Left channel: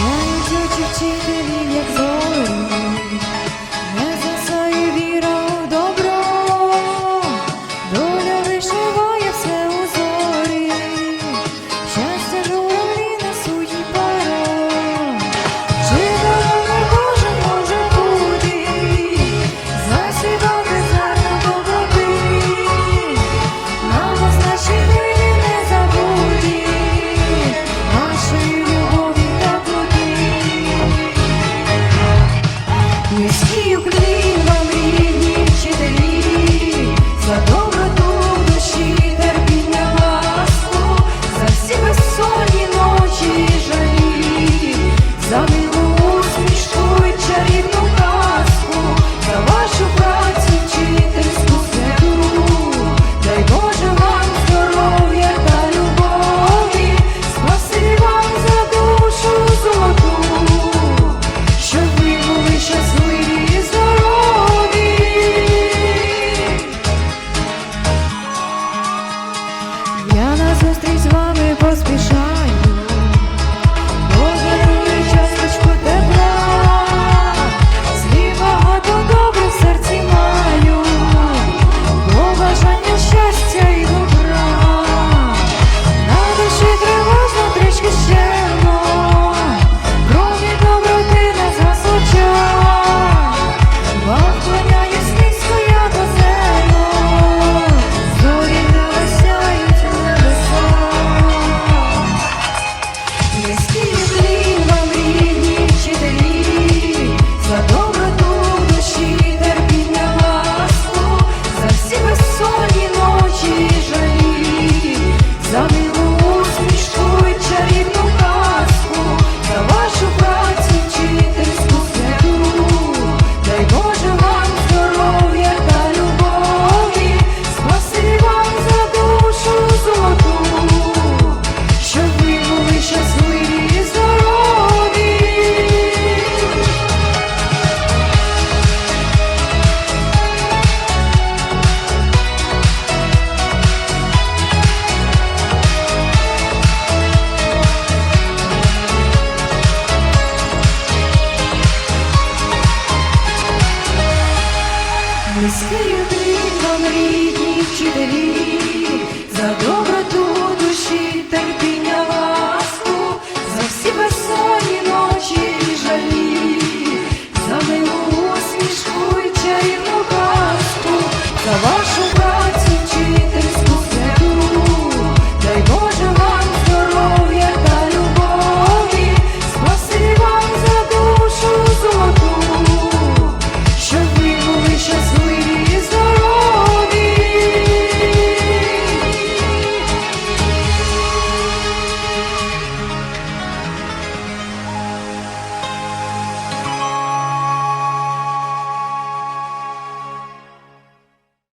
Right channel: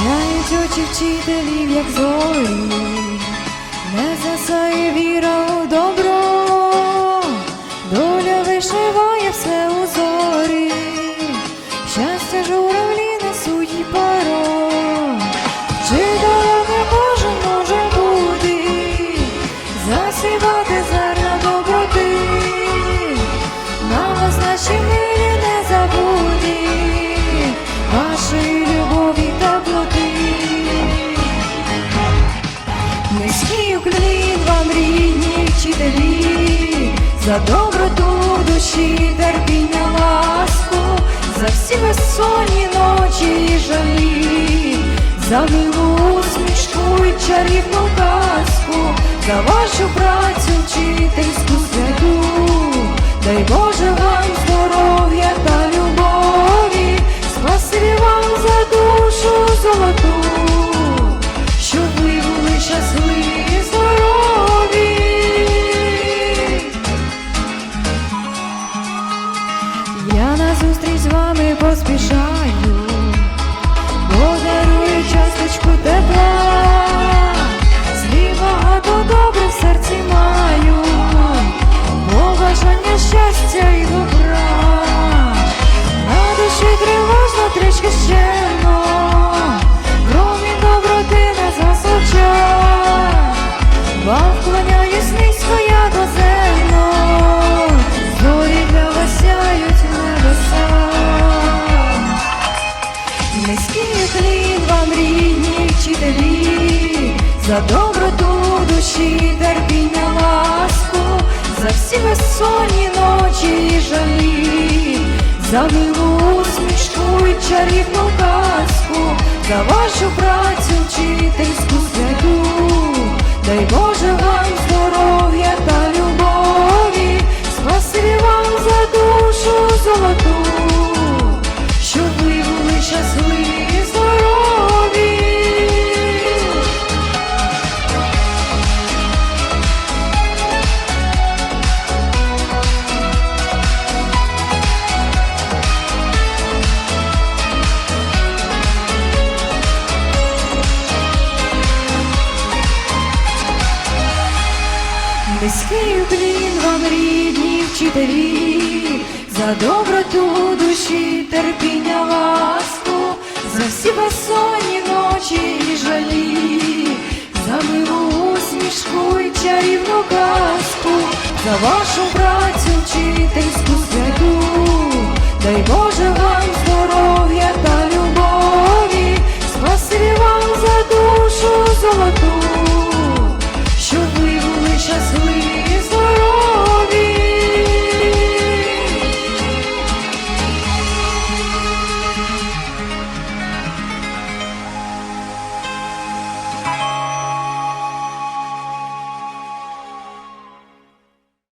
Сяють очі вчителів, як зорі, не засає віра у добро, доля вишиває все у зорі, щастя журавлі несуть їй паро, вчителем не кожен може бути, засівати зерна доброти, на вас наші милі не забуді, вашої вчителі, за доброту душі, терпіння, ласку, за всі безсонні ночі і жалі, за милу усмішку і чарівну казку, за вашу працю вчительську багато добре в серці маю, бо бажання щастя і добра, на душі тривожно трішки щемно, промінь доброти не засочать, вам вклоняюсь низько я до зерно, зорі для. Низький уклін вам рідні вчителі, за безсонні ночі жалі, за милу усмішку і чарівну казку, за вашу працю вчительську святу, дай Боже вам Низький уклін вам рідні вчителі, за доброту душі, терпіння, ласку, за всі безсонні ночі і жалі, за милу усмішку і чарівну казку, за вашу працю вчительську святу,